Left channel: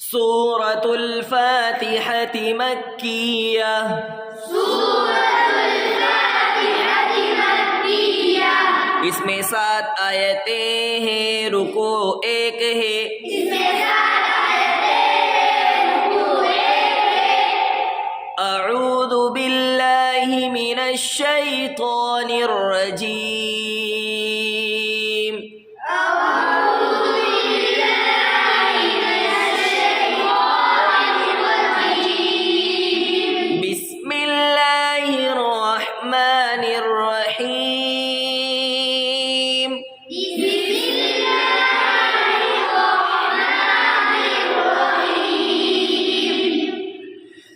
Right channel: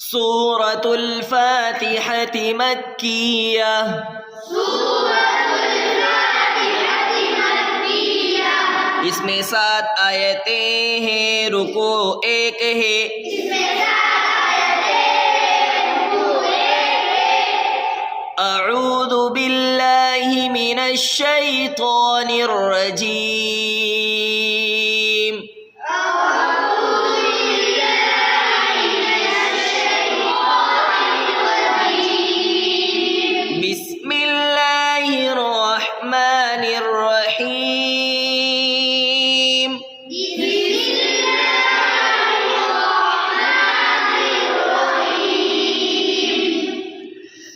सूरतुल फातिहति मक्किया। इसमें 7 आयतें हैं, रुको 1 है। अऊज़ु बिल्लाहि मिनश शैतानिर रजीम। बिस्मिल्लाहिर रहमानिर रहीम।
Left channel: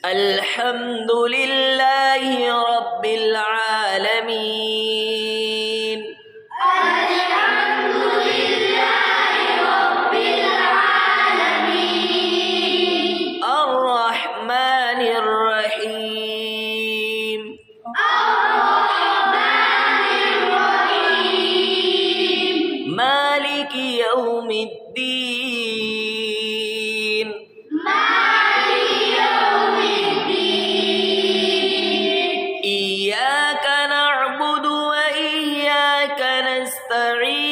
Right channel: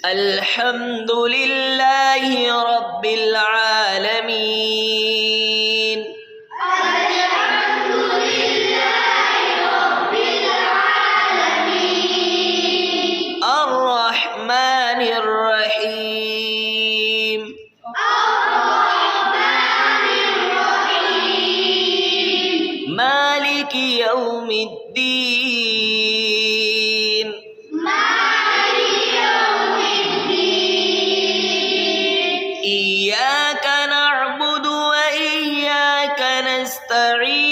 अल्हम्दुलिल्लाहि रब्बिल आलमीन। अर्रहमानिर रहीम। मालिकि यौमिद्दीन। इय्याक नअबुदु व इय्याक नस्तईन।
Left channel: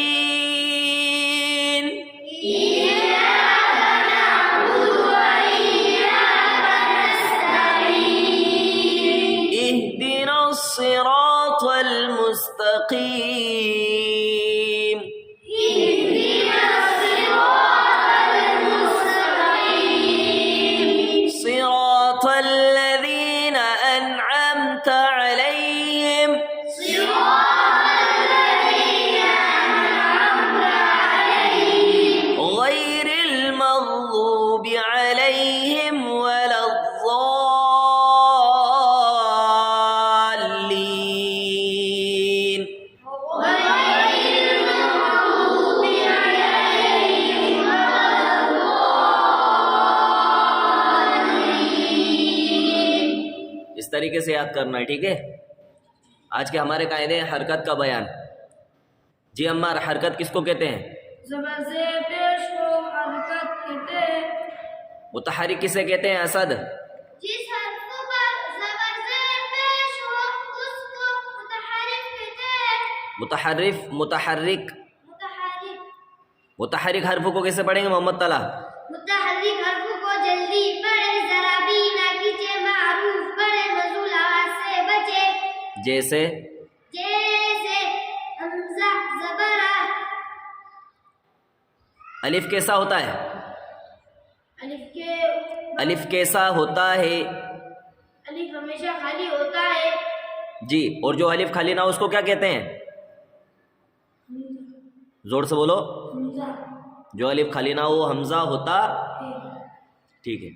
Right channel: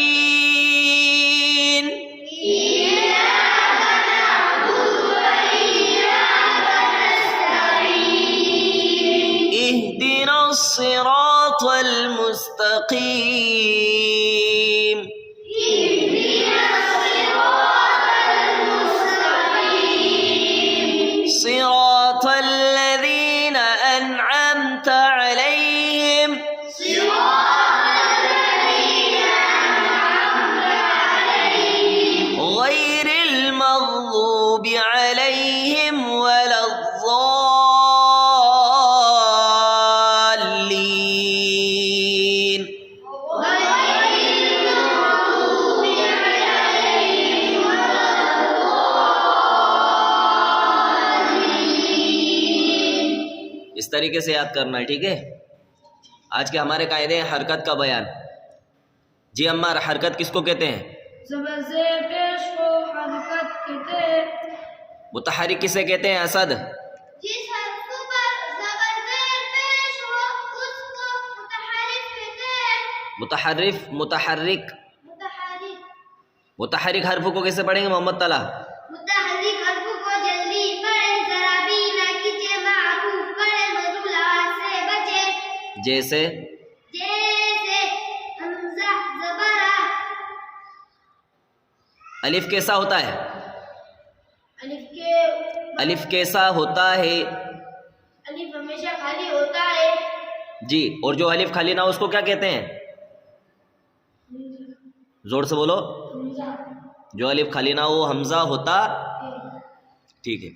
इहदिनस सिरातल मुस्तकीम। सिरातल लज़ीना अनअमत अलैहिम। गैरिल मग़ज़ूबि अलैहिम वलद्दाल्लीन। इस तरीके से याद करना है, ठीक है। आज के हमारे कायदे हैं हरकत का बयान। जी अम्मार, हरकत किसको कहते हैं? ज़बर से पेश को हरकत कहते हैं। मुतहरिक किसे कहते हैं? असद। जिस हर्फ पर ज़बर से पेश हो उसको मुतहरिक कहते हैं। मुतहर्रिफ, मुतहर्रिक। मुतहरिक हर्फ को कैसे पढ़ेंगे मोहम्मद तला? मुतहरिक हर्फ को जल्दी पढ़े, जरा भी ना कीजिए, मारूफ करे, मज़ूलात से बचे। जैसे हमज़ा ज़बरा। अलिफ कैसा होता है? अलिफ कैसा होता है? अलिफ हमेशा खाली होता है। जी, और जो अलिफ खाली ना हो उसको क्या कहते हैं? जोर से बोलो। जो अलिफ खाली ना हो हमजा होता, ठीक है।